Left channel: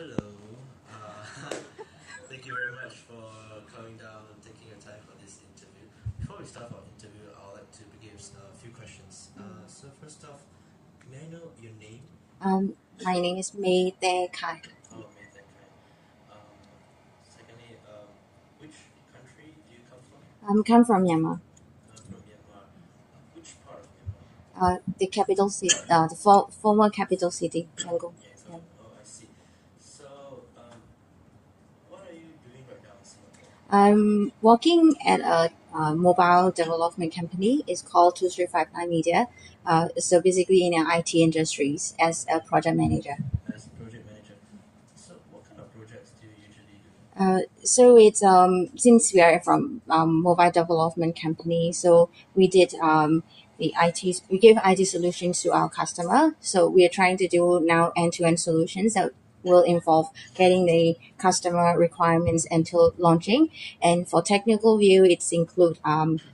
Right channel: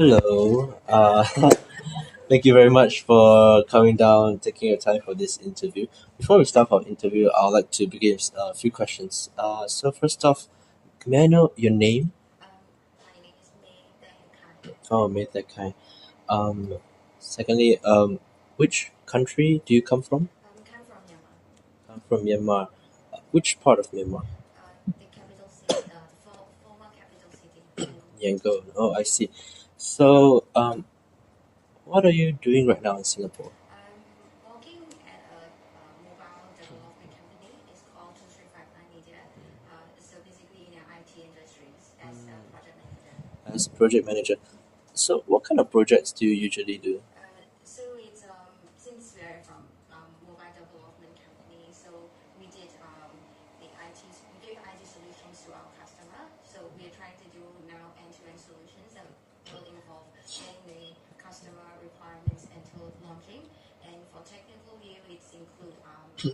Hello. Thank you very much for coming down, taking your time for this interview. Before we start our interview, I'd like to begin with a few questions. So first off, may I know your name? Um, my name is May Tae Kai. Oh, made that kind. Um, Secondly, which country do you come from? Come from Myanmar, I'm from Myanmar. Which part of Myanmar? the capital city, the former capital city, Yangon. Yangon. Oh, I see. So, what are you doing right now in Singapore? I'm working at a mobile development company. It's called 2359 Media. So basically in the IT industries as a project manager. As a project manager. So, what kind of projects do you usually do? So it's since we are from mobile development company, so we did the IT. We give IT solutions to our customer. So we are trying to do now end to end solutions that will involve getting the customer requirements until launching. And for technical view, it's include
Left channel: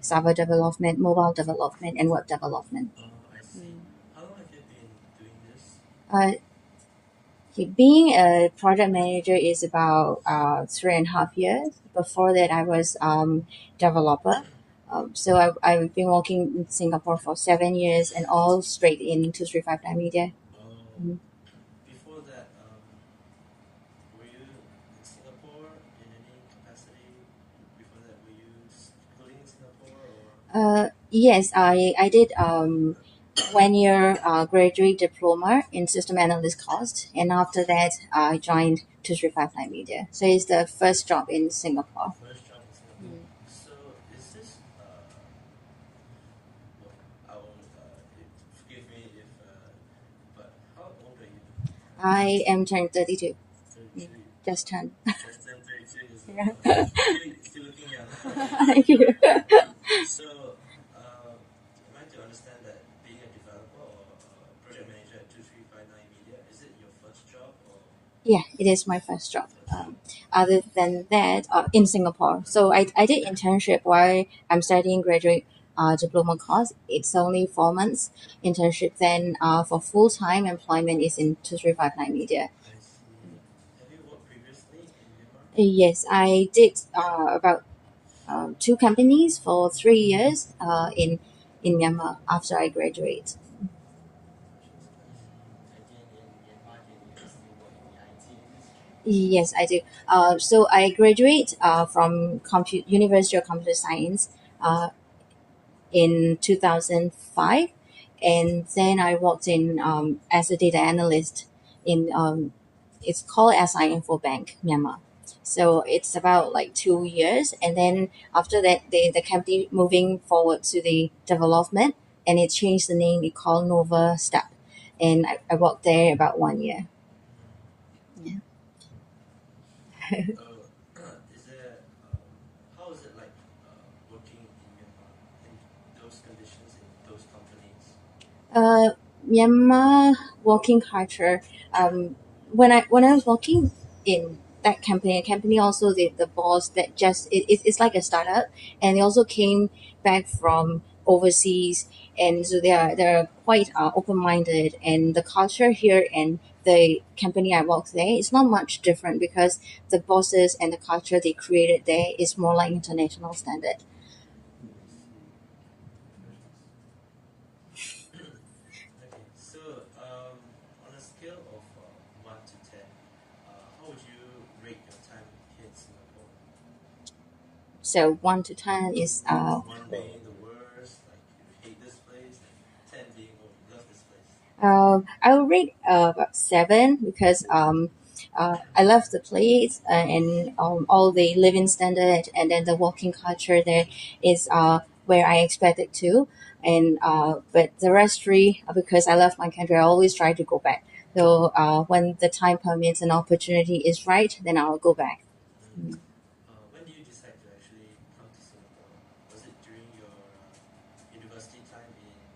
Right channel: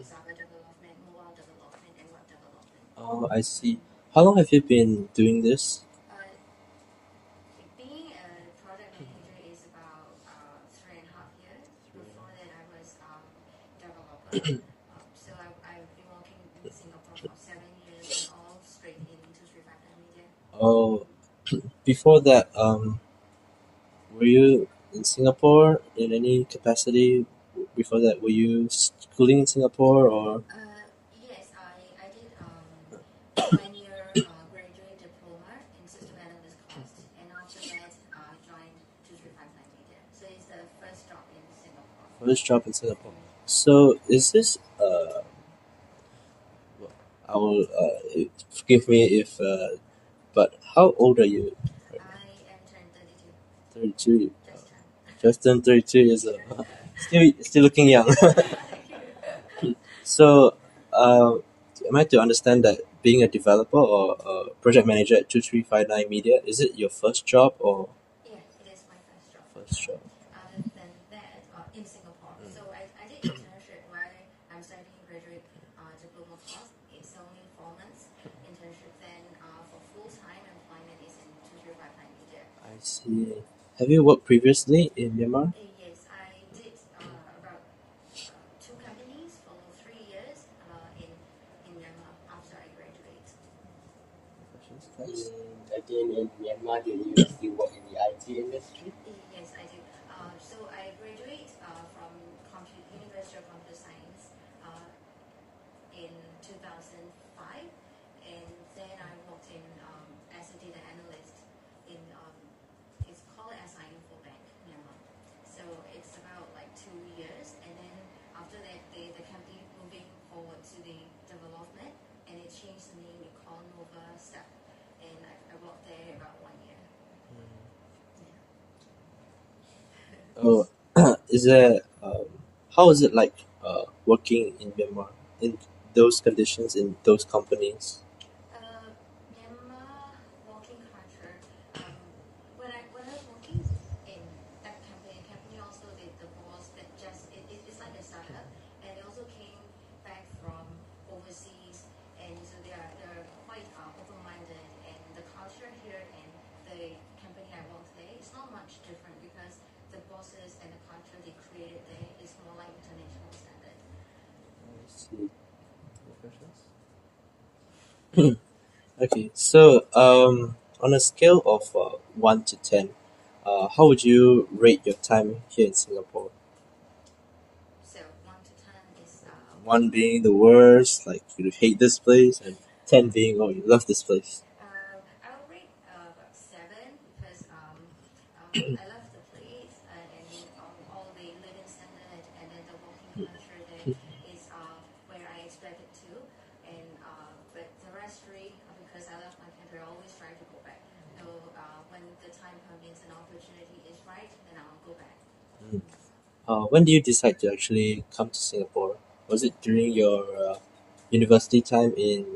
server development, mobile development, and web development. Oh, I see. How long have you been doing this? Uh, Being a project manager is about 3.5 years. Before that, I was developer. I've been working in Singapore for 7 years and all straight in 2359 Media. Oh, before that, were you in Singapore in any capacity? Before that, were you schooling in Singapore or? Yes, I did 1 year graduate diploma in system analyst course, and after that, I joined 2359 Media. So it's the first job in Singapore. First job in Singapore. So is this I will forgive me if but how old are you? I am turned 32. 32. Just turned. Just turned 32 years old. Still looking young. Thank you. So, am I to understand that being a developer or a project manager at 2359 Media, is it your first job or Yeah, it is my first job. first job? Other than that, in Singapore. So I did internship while I'm studying graduate diploma course. It's only 4 months internship. Then for full time employment is in 2359 Media. I see. Have you worked previously in Myanmar? Yes, I did about two companies for 3 years in Myanmar after I graduate. Again in Myanmar, do you still work in the IT industry? Yes, I do. So I graduate from University of Computer Science uh, in 2005, and then I worked in as a data analyst in it's called SI Info Bank, Myanmar. So it's about like 2 years, and then after that, the company moving forward to the development, and it changed the name. It called Nova Step, and I worked there about 1 year. Yeah. Oh, is there? How is it like working in Myanmar in those conditions in those companies? Uh, Myanmar working culture. When I was working in that company also the boss that just it's like a startup, and they also came back from overseas, and so they're quite open minded, and the culture here and the company I work there is not much different because the bosses and the culture they created there is more like international standard. I see. Okay, so on a scale of 1 to 10, how would you rate your time here in Singapore? So 1 to 10 is 1 being the worst, like you hate this place, and 10 being oh you love this place. I will rate about 7 because I love the place and all the living standard, and then the working culture there is where I expect it to. And but the rest three, because I love my country, I always try to go back. So when the time permits and opportunity is right, then I'll go back. Mm. When do you decide to actually come to Singapore? Was it during your university time in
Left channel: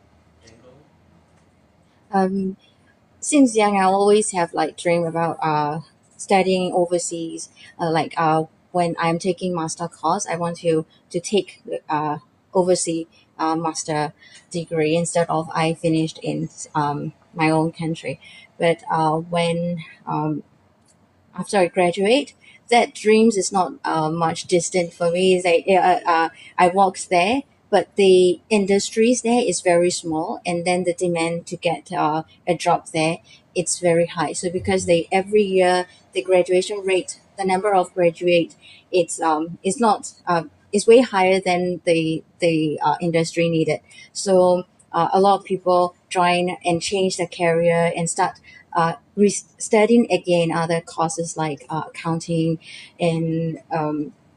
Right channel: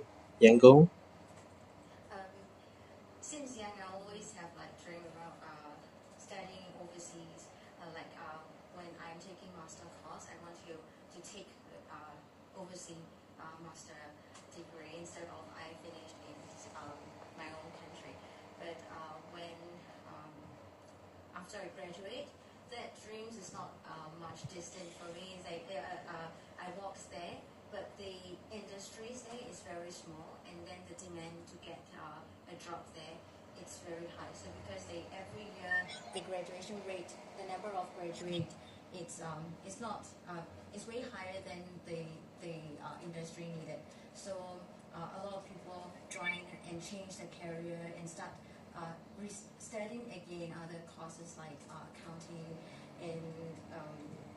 Yangon? Um, since young, I always have like dream about studying overseas. When I'm taking master course, I want to take overseas master degree instead of I finished in my own country. But when after I graduate, that dreams is not much distant for me. It's like I walked there, but the industries there is very small, and then the demand to get a job there, it's very high. So because they every year the graduation rate, the number of graduate, it's not it's way higher than the industry needed. So a lot of people join and change their career and start studying again other courses like accounting and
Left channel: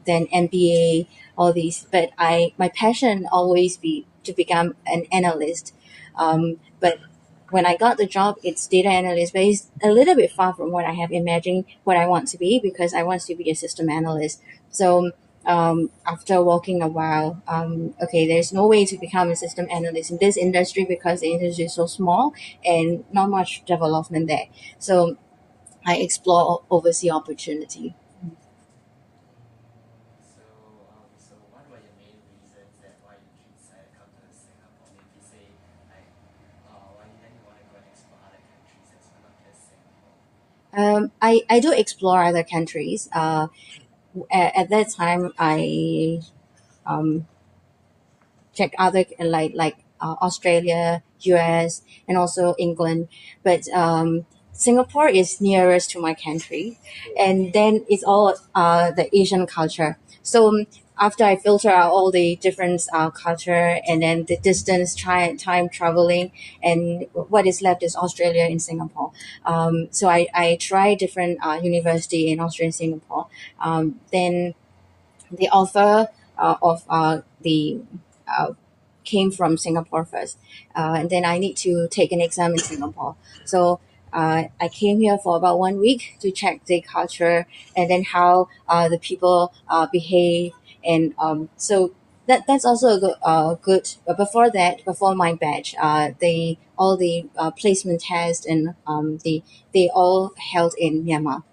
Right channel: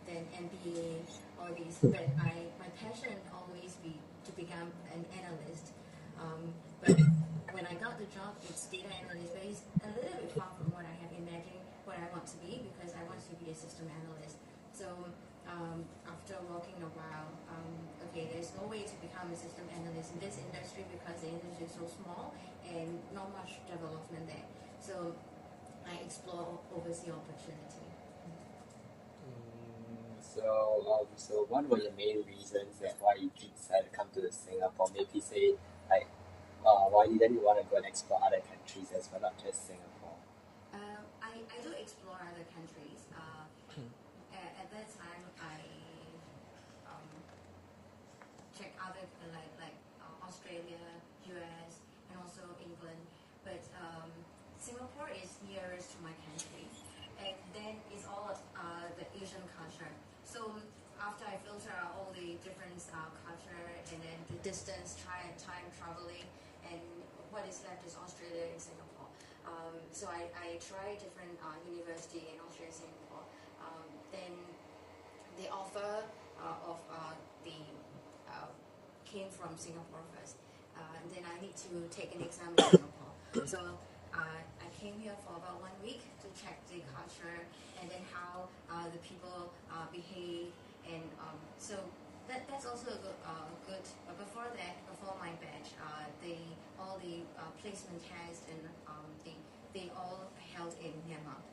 then MBA, all these. But my passion always be to become an analyst. But when I got the job, it's data analyst, but it's a little bit far from what I have imagined what I want to be, because I want to be a system analyst. So after working a while, okay, there's no way to become a system analyst in this industry because the industry is so small and not much development there. So I explore overseas opportunity. So what were the main reasons that why you decided to come to Singapore? Maybe say like why didn't you want to go and explore other countries as well, not just Singapore? I do explore other countries. At that time, I um, check other like Australia, US, and also England. But Singapore is nearest to my country, and then it's all the Asian culture. So after I filter out all the different culture and then the distance, time traveling, and what is left is Australia and Singapore. So I try different university in Australia and Singapore. Then the offer of the uh, came from Singapore first, and then I need to take an exam in Singapore. So I came here for about 1 week to check the culture and then how the people behave, and so that's also a good. But before that, before my batch, they all the placement test and they all held in Myanmar.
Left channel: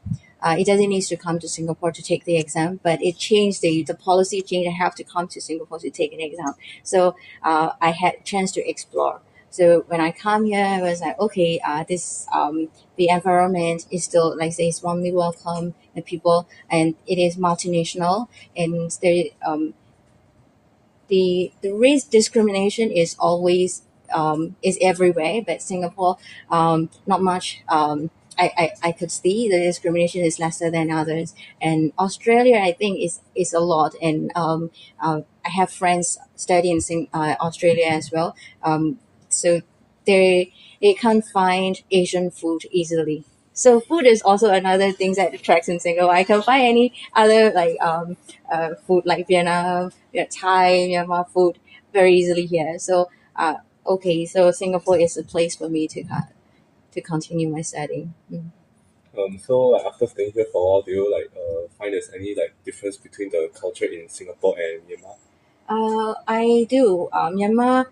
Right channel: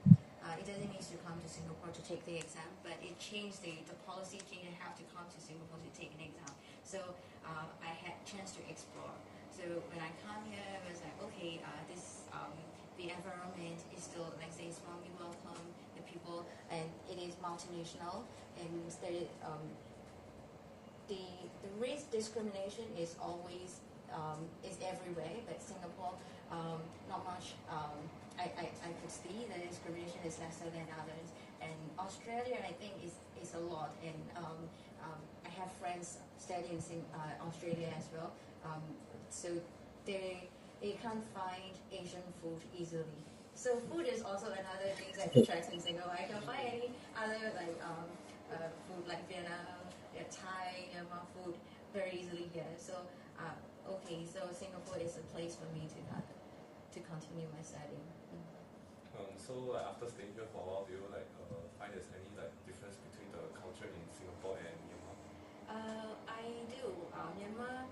It doesn't need to come to Singapore to take the exam, but it changed the policy changed. I have to come to Singapore to take an exam. So I had a chance to explore. So when I come here, I was like, okay, this the environment is still like say it's warmly welcome and people, and it is multinational, and there the race discrimination is always is everywhere, but Singapore not much. I could see the discrimination is lesser than others, and Australia I think is a lot, and I have friends studying in Australia as well, so they can't find Asian food easily. So food is also another thing that attracts in Singapore. I can find any other like food like Vietnam, Thai, Myanmar food very easily here. So okay, so Singapore is a place for me to continue my study. So like after staying here for a while, do you like find there's any like difference between the culture in Singapore and Myanmar? I do. Myanmar,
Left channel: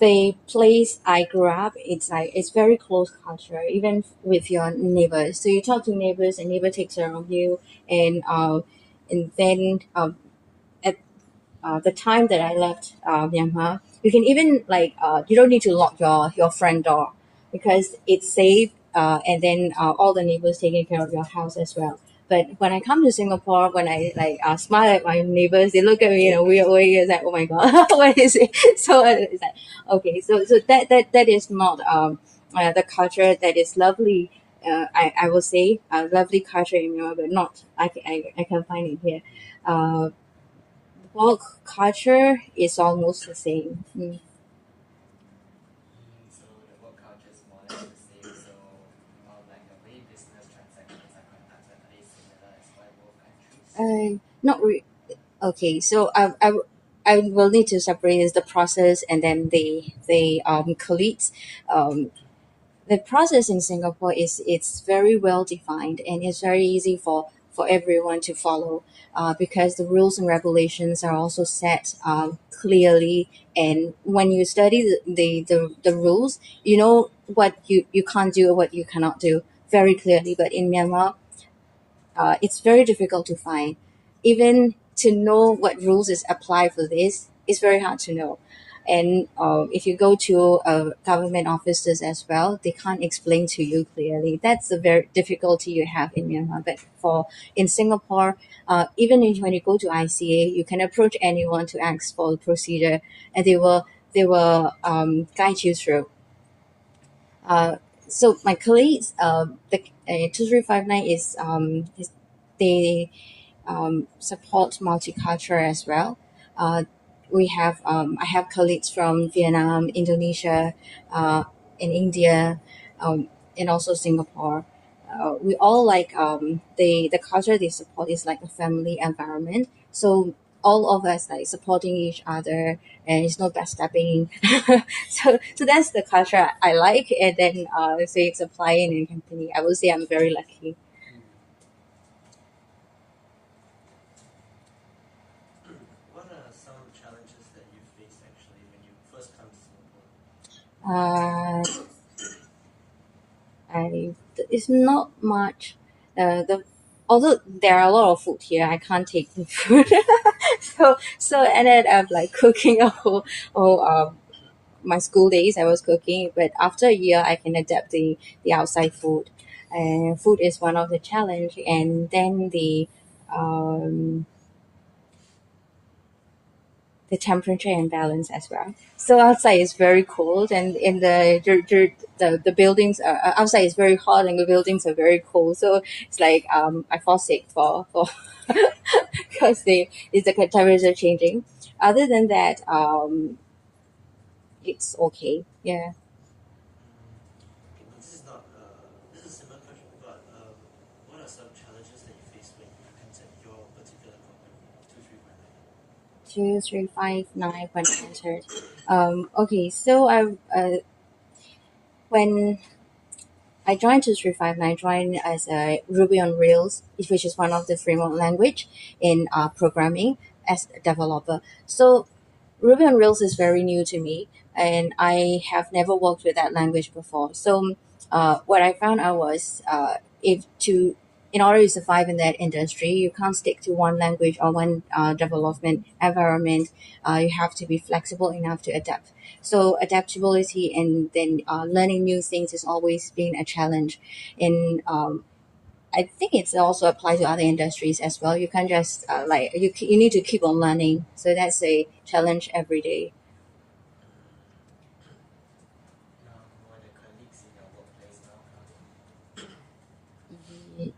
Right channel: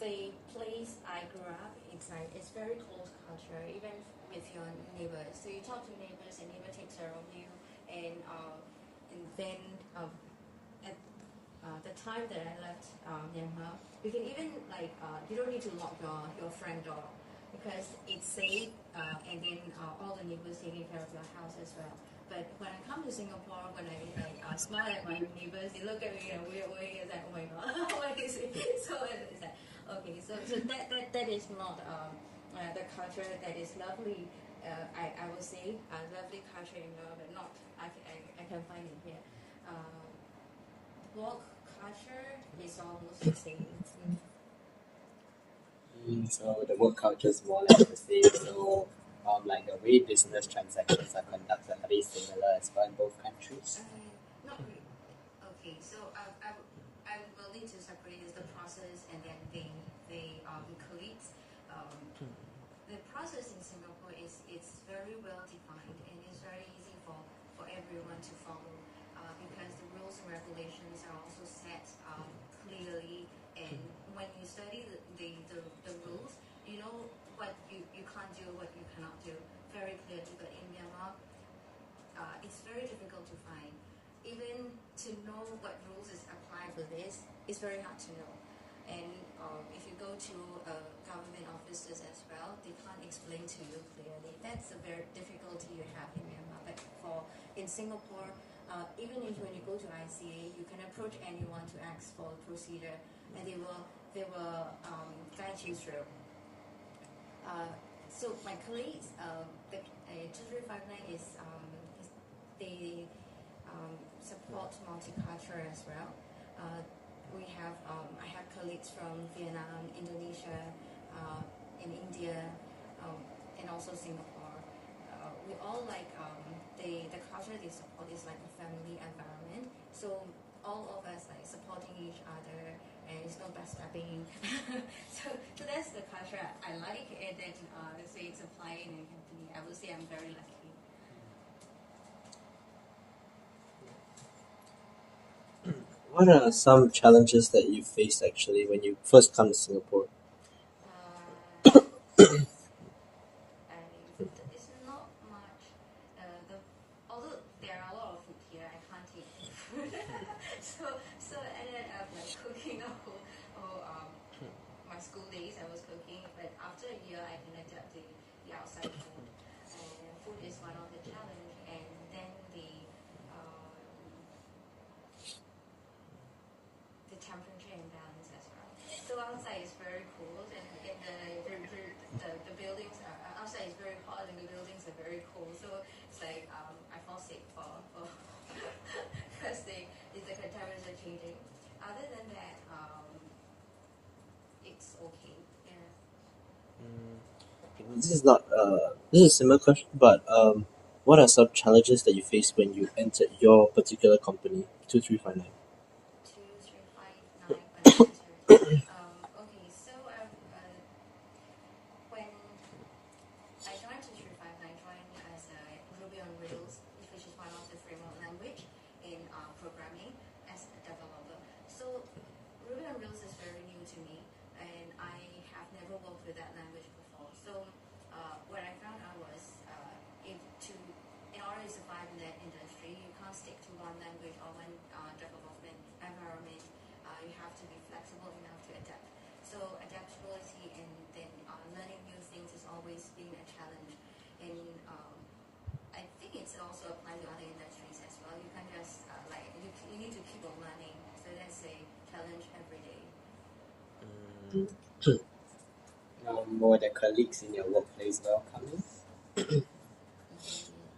the place I grew up, it's like it's very close culture, even with your neighbors. So you talk to neighbors, and neighbor takes care of you, and then at the time that I left Myanmar, you can even like you don't need to lock your front door because it's safe, and then all the neighbors taking care of your house as well. But when I come to Singapore, when I like smile at my neighbors, they look at me in a weird way. It's like, oh my god, what is it? So it's like, okay, so that is not the culture that is lovely. I will say lovely culture in Myanmar, but not I can find it here. Work culture is almost the same. So the work culture is more or less the same. So like the way business transactions are conducted, are they similar as well in both countries? Not okay. So I will need to separate is the process and then the colleagues. Um, the process in Singapore is it's very well defined and it's very easy for everyone to follow because the rules and regulations are also set clearly, and when you study the rules, you know what you can't do, what you cannot do very clearly. But in Myanmar, it's very difficult to find. Even to know what rules is applied for this, it's very hard to know. And if you go to government offices as well, they can't explain to you clearly. That's the very difficulty you have in Myanmar. But for in Singapore, even when you go to ICA, you can approach anyone to ask for the procedure, and they will guide you through. So my colleagues, the 2359 is they support multicultural as well. Uh, we have I have colleagues from Vietnam, Indonesia, in India, and also Singapore. We all like the culture they support is like a family environment. So all of us like supporting each other, and it's no backstabbing. So that's the culture I like. And then say it's applying in company, I would say I'm very lucky. What are some challenges that you faced actually when you first come to Singapore? Uh, I it's not much. The Although there are a lot of food here, I can't take the food. So I ended up like cooking a whole my school days. I was cooking, but after a year, I can adapt the outside food. And food is one of the challenge, and then um the temperature imbalance as well. So outside is very cold, and in the buildings are outside is very hot, and the buildings are very cold. So it's like I fall sick for because the temperature changing. Other than that, it's okay. Yeah. This is not this is a similar question, but what are some challenges that you faced when you entered your particular company, 2359? 2359 when I entered. Okay, so when I joined 2359, I joined as a Ruby on Rails, which is one of the framework language in programming as a developer. So Ruby on Rails is very new to me, and I have never worked with that language before. So what I found out was if to in order to survive in that industry, you can't stick to one language or one development environment. You have to be flexible enough to adapt. So adaptability and then learning new things is always been a challenge. And I think it's also applies to other industries as well. You can't just you need to keep on learning. So that's a challenge every day. More the colleagues in your workplace welcoming.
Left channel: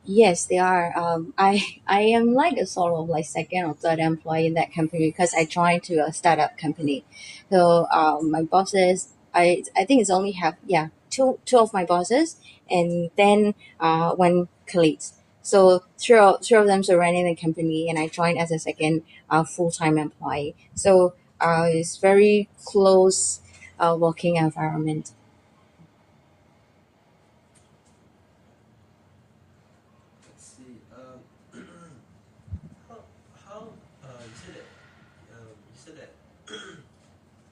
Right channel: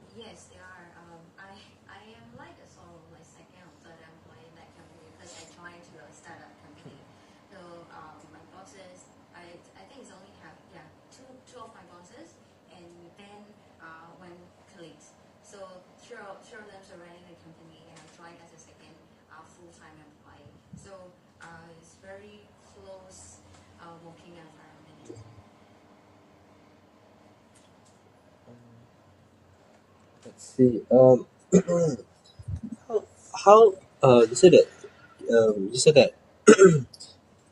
Yes, they are. I am like a sort of like second or third employee in that company because I joined to a startup company. So my bosses, I think it's only have two of my bosses, and then one colleagues. So three of them are running the company, and I joined as a second full time employee. So it's very close working environment. Let's see. How you said that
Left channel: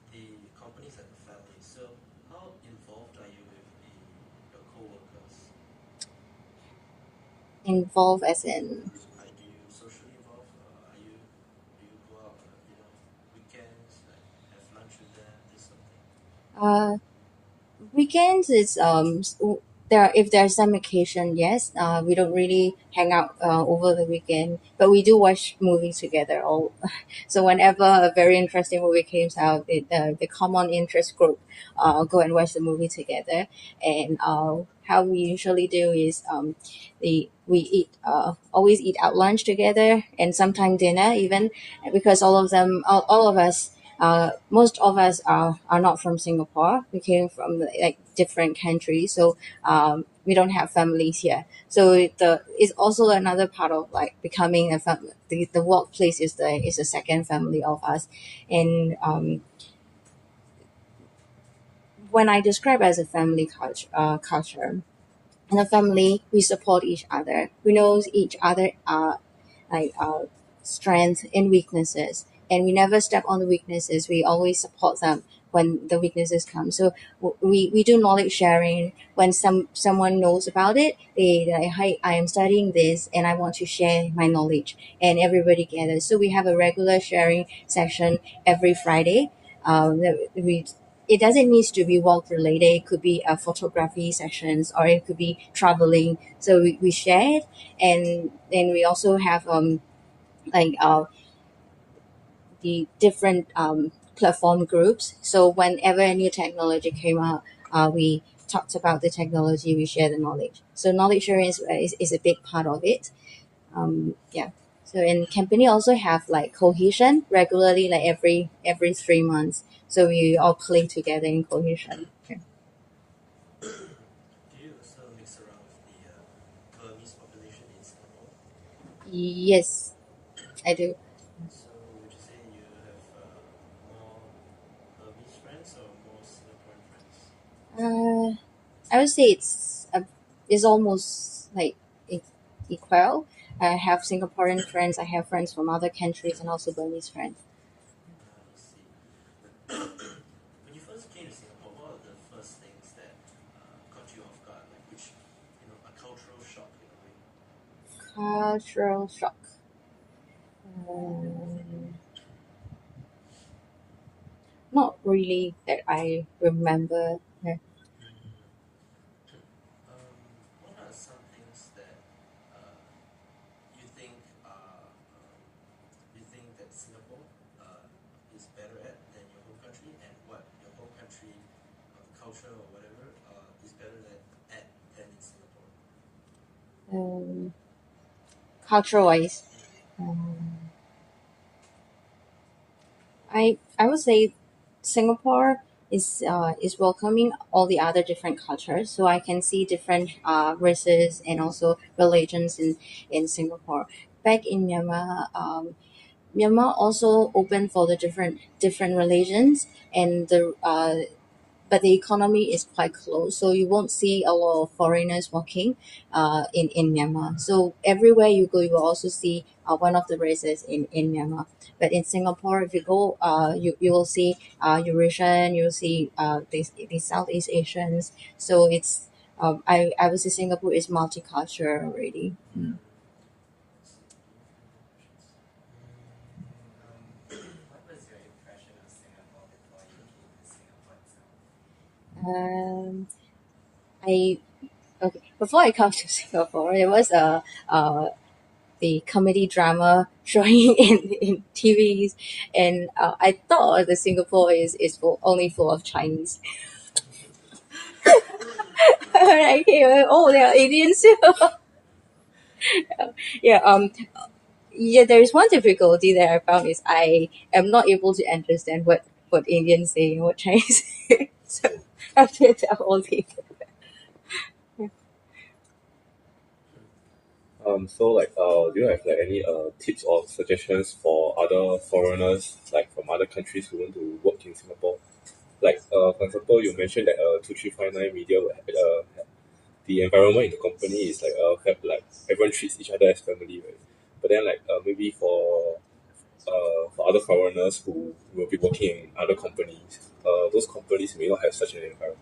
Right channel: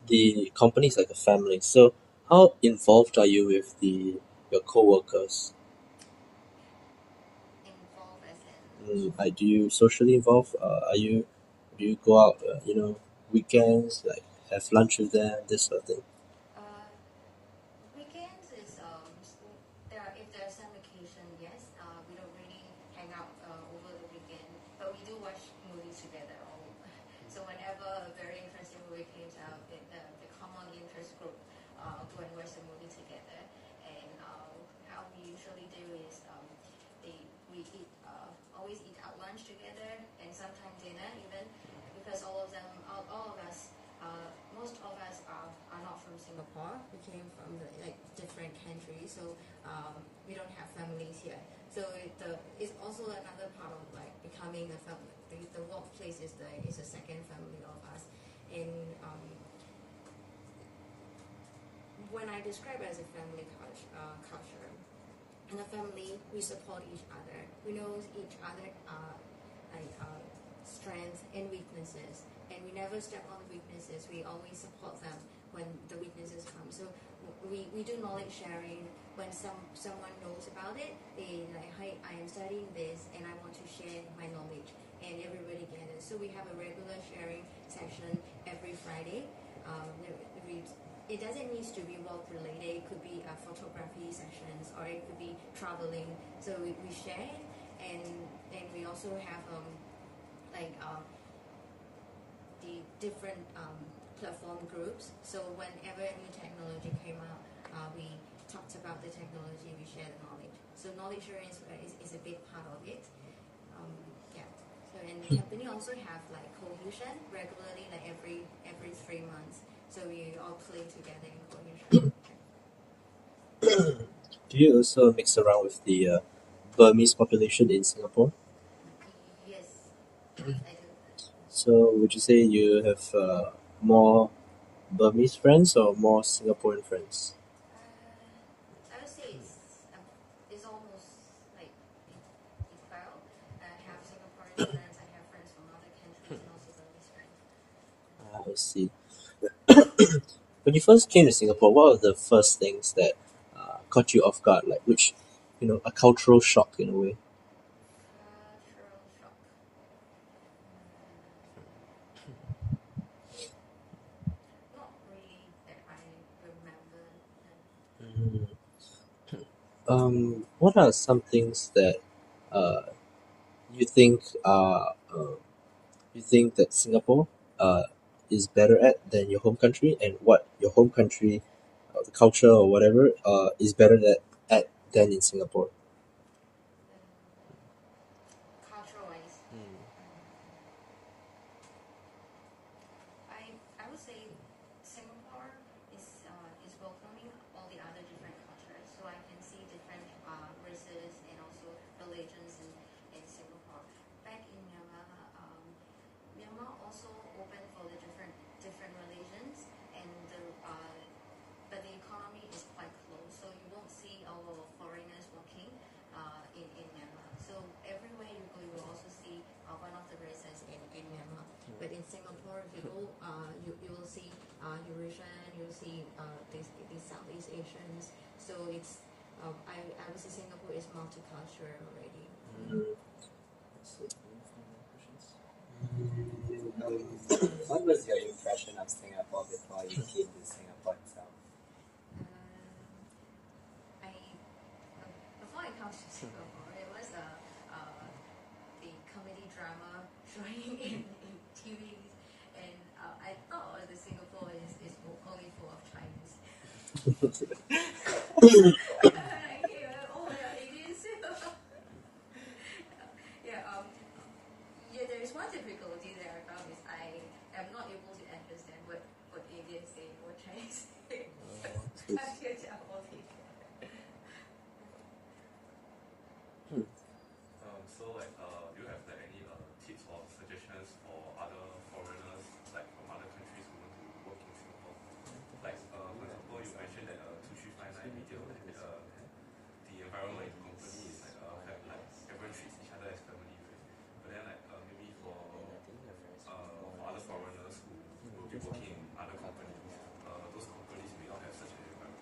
the company is like a family. So how involved are you with the your coworkers? Involved as in Like, do you socially involve? Do you go out? Weekends, like have lunch with them, this sort of thing. uh weekends is there if there's some occasion, yes. We don't really hang out over the weekend, but we do watch movies together. All so whenever a very interesting movie comes out, the common interest group go and watch the movie together. And how we usually do is we eat always eat out lunch together, and sometimes dinner even, because all of us most of us are not from Singapore. We came from like different countries, so we don't have families here. So it's also another part of like becoming a family. The workplace is the second family of us. And when I describe as a family culture, in a family we support each other. We know each other like strengths and weaknesses, and we never step on the weaknesses. We always support them when the weaknesses come. So we do knowledge sharing. When someone knows about it, they like, hi, I am studying this and I want to share my knowledge, and everybody gathers. So we have a regular sharing session every Friday. we it doesn't need to be work related. It could be photography sessions or it could be traveling. So we share it, and then we also have like the different platform groups. So whenever a new technology came out, we talked about the technology. We share the knowledge. So knowledge sharing is a big part of it. Yeah. So in company also have like cohesion regularly, like every 3 months. So we all play together in cohesion. Yeah. Do you also mix around with the Burmese population in Singapore? Yes, I do. So would you say you have more Burmese friends or more Singaporean friends? Uh, I would say it's almost like equal. I have Singaporean friends. I have friends from other countries and also Burmese friends. I see. When you first came to Singapore, what were the first things that caught you off guard? Like which, a cultural shock in a way. Cultural shock. Um, Not really that I remember. Yeah. Mhm. What are some things that uh, you think are you think that Singapore uh, is better at than your home country, and what your home country, the culture or whatever, is better at than in Singapore? Um, Cultural wise, um, I would say Singapore is welcoming all the other different cultures, so I can see different races and also religions in Singapore. Back in Myanmar, Myanmar also open for the different religions, and the but the economy is quite close, so you won't see a lot of foreigners working in Myanmar. So everywhere you go, you will also see one of the races in Myanmar. But in Singapore, if you go, you will see Eurasian, you will see the Southeast Asians. So it's I would say Singapore is multicultural already. What was your impression of Singapore before you came to Singapore itself? Um, I Okay, before I come to Singapore, there was the comedy drama showing in TVs, and I thought that Singapore is only full of Chinese. I came, oh, there are Indians. Yeah. Yeah. There is one difficulty that I found is I am not able to understand what Indians say and what Chinese say. So I have to tell all the. Do you have like any tips or suggestions for other foreigners like from other countries who want to work in Singapore? Like for example, you mentioned that 2359 media the environment in the company is like have like everyone treats each other as family, right? But then like maybe for other foreigners who will be working in other companies, those companies may not have such an environment.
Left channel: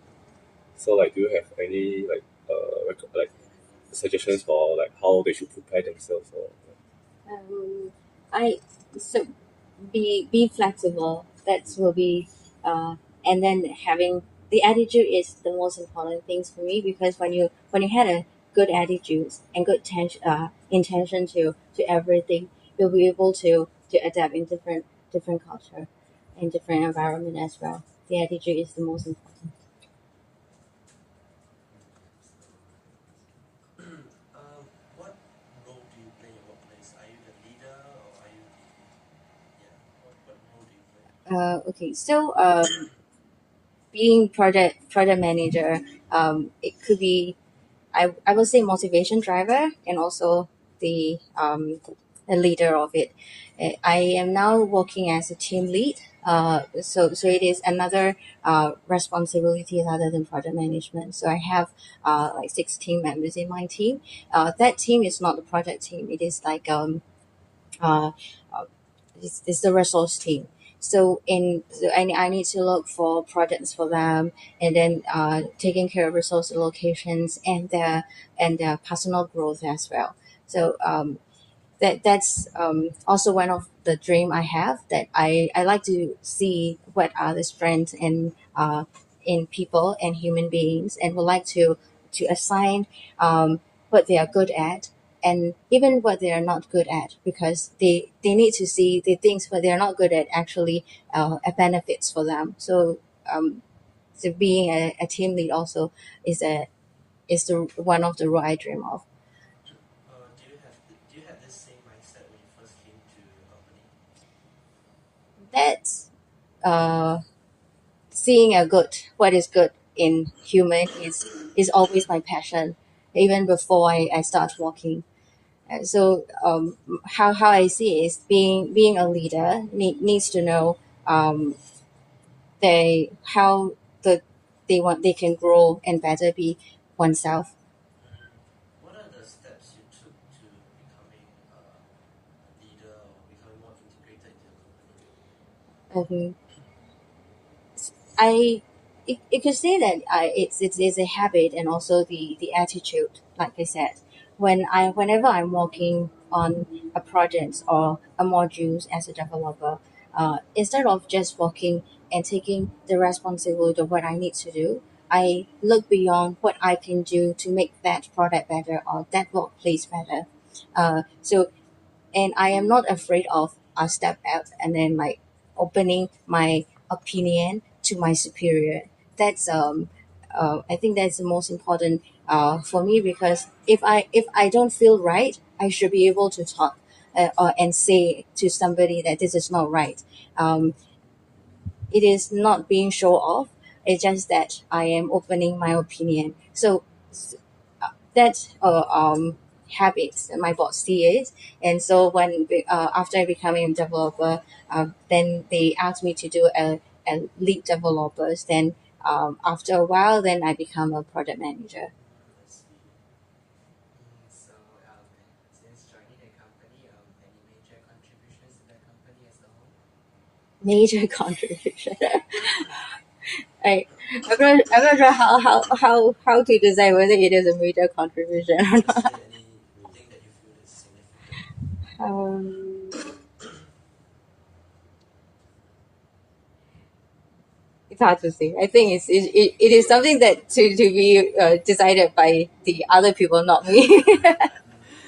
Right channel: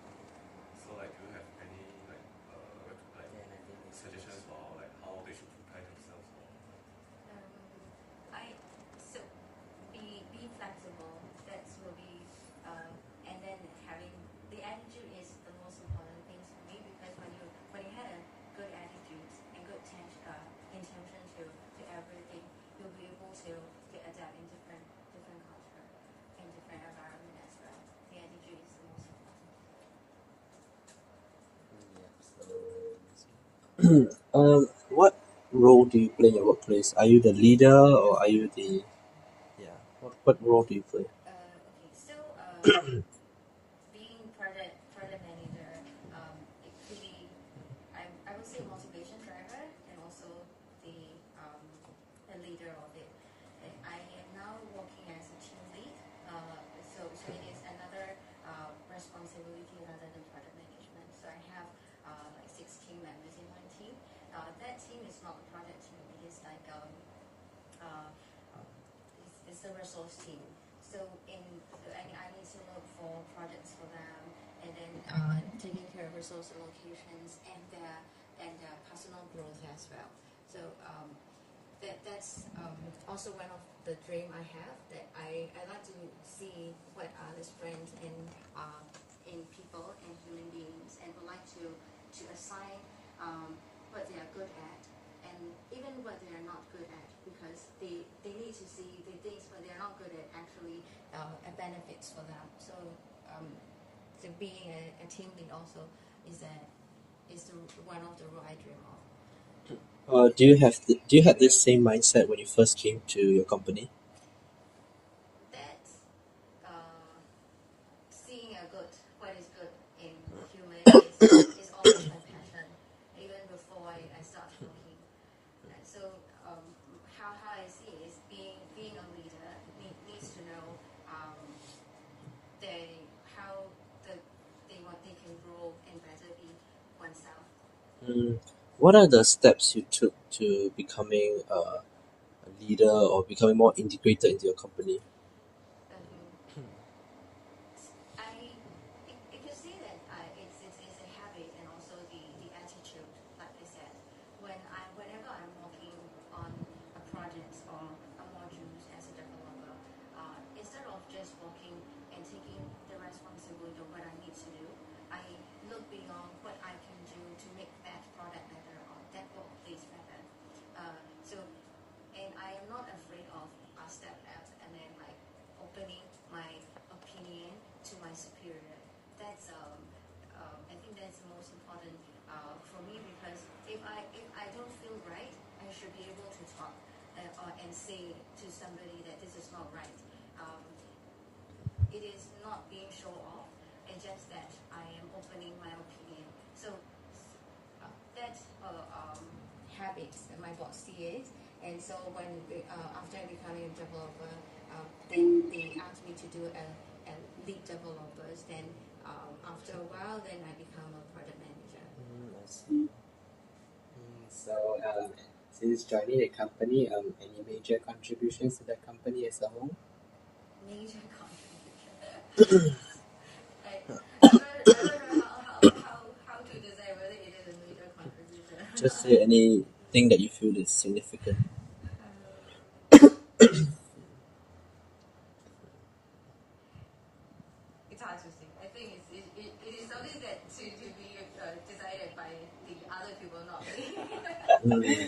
So like, do you have any like suggestions for like how they should prepare themselves for? Um, I so be flexible. That will be and then having the attitude is the most important things for me, because when you had a good attitude and good intention to everything, you'll be able to adapt in different culture and different environment as well. The attitude is the most important. What role do you play in your workplace? Are you the leader or are you the yeah? What role do you play? Okay, so being project manager, it could be I would say motivation driver and also the leader of it. I am now working as a team lead. So it is another responsibility other than project management. So I have like 6 team members in my team. That team is not the project team. It is like uh, uh, it's the resource team. I need to look for projects for them, and then taking care of resource allocations and their personal growth as well. So that's also one of the dream I have, that I like to see what are the strengths in people and human beings, and would like to assign what they are good at, and even what they are not good at, because they need to see the things what they are not good at actually benefits for them. Um, so being a team lead also is a is the one of the role I dream of. Do you have this same mindset when you first came to your company? That's uh, seeing a good what is good in human is always my passion, even before I start working. How I see it is being a leader needs to know um, how the they can grow and better be oneself. Mm, what are the steps you took to becoming a leader or becoming more integrated into your company? Um, I it could say that it's a habit, and also the attitude. Like I said, whenever I'm working on a project or a modules as a developer, instead of just working and taking the responsibility of what I need to do, I look beyond what I can do to make that product better or that workplace better. So and I am not afraid of a step out and then like opening my opinion to my superior. That's I think that's the most important for me, because if I don't feel right, I should be able to talk and say to somebody that this is not right. Um, it is not being show off. It's just that I am opening my opinion. So that habits that my boss sees. And so after becoming a developer, then they asked me to do a lead developers. Then after a while, then I become a project manager. I see. So, since joining the company, any major contributions to the company as a whole? Major contribution. I, I'm not sure how to decide whether it is a major contribution or Just not. say anything that you feel is significant. Um, it's hard to say. I think it is something that to be decided by the other people, not me. Mm,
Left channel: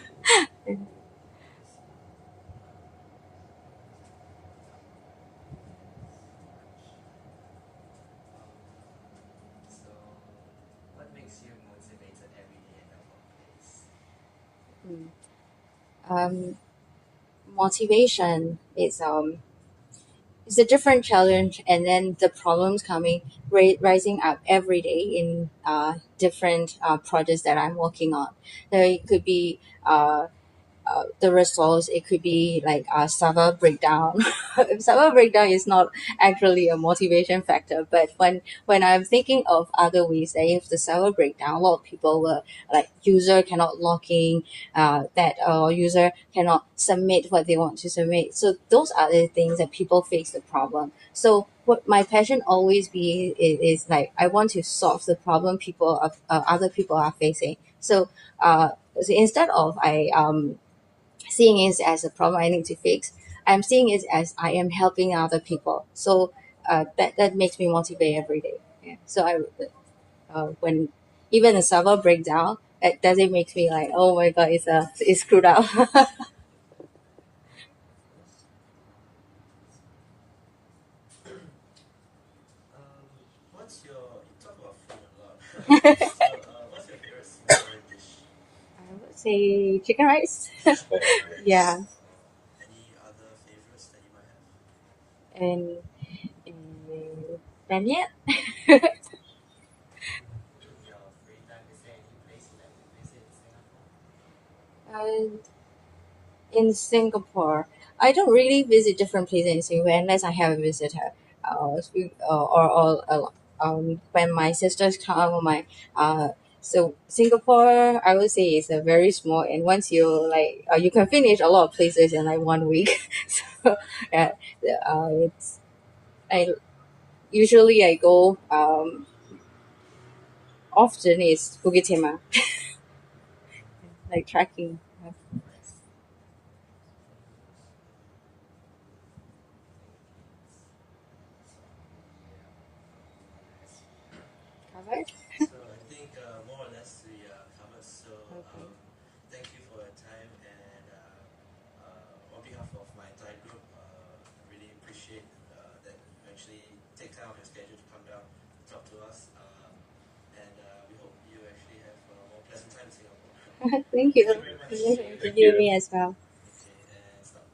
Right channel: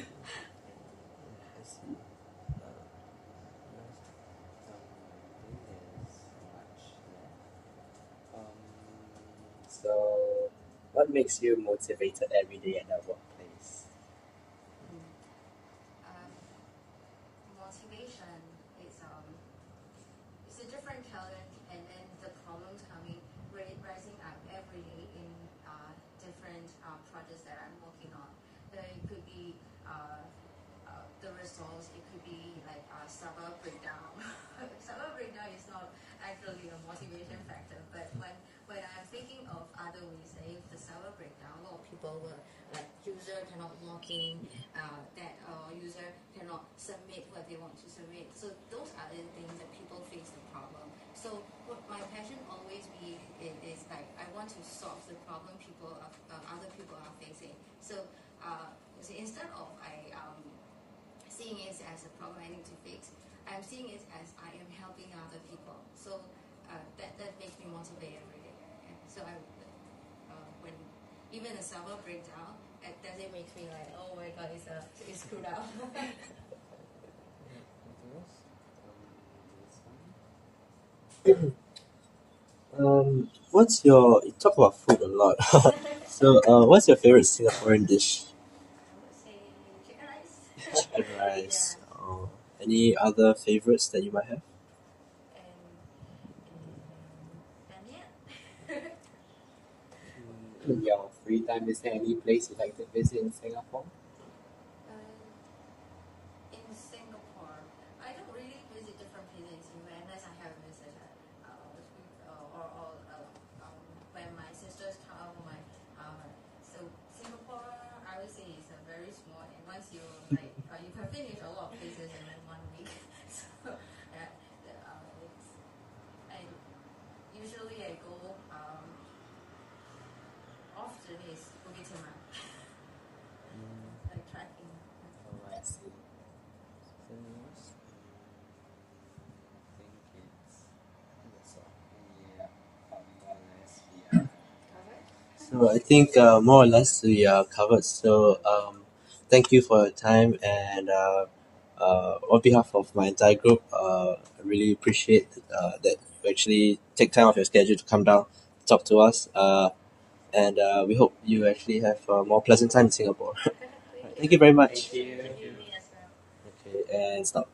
So, what makes you motivated every day at the workplace? um, motivation is a different challenge, and then the problems coming rising up every day in different projects that I'm working on. There could be the results. It could be like a server breakdown. Server breakdown is not actually a motivation factor, but when I'm thinking of other ways, that if the server breakdown, a lot of people were like user cannot log in, that user cannot submit what they want to submit. So those are the things that people face the problem. So what my passion always be is like I want to solve the problem other people are facing. So instead of I seeing it as a problem I need to fix, I'm seeing it as I am helping other people. So that makes me motivate every day. Yeah. So when even a server breakdown, it doesn't make me like, oh my god, it's screwed up. what's your you talk about food a lot? So what's your favorite Singaporean dish? I would say chicken rice. Chicken rice. Yeah. Any other favorites that you might have? And Daniel. In your free time, is there any place you'd like to visit in Singapore? Uh, in Singapore, I don't really visit different places in Singapore unless I have a visitor. When my sisters come, or my so Singapore, I would say is a very small, and once you like, you can finish a lot of places in like 1 week. So yeah, it's I usually I go often is Bukit Timah, like trekking. I see. I think more or less we are covered. So thank you for your time, and on behalf of my entire group, I really appreciate that you actually take time off your schedule to come down, talk to us, and we hope you actually have a more pleasant time in Singapore. Thank you. Thank you very much. You, me as well. Okay, and stop.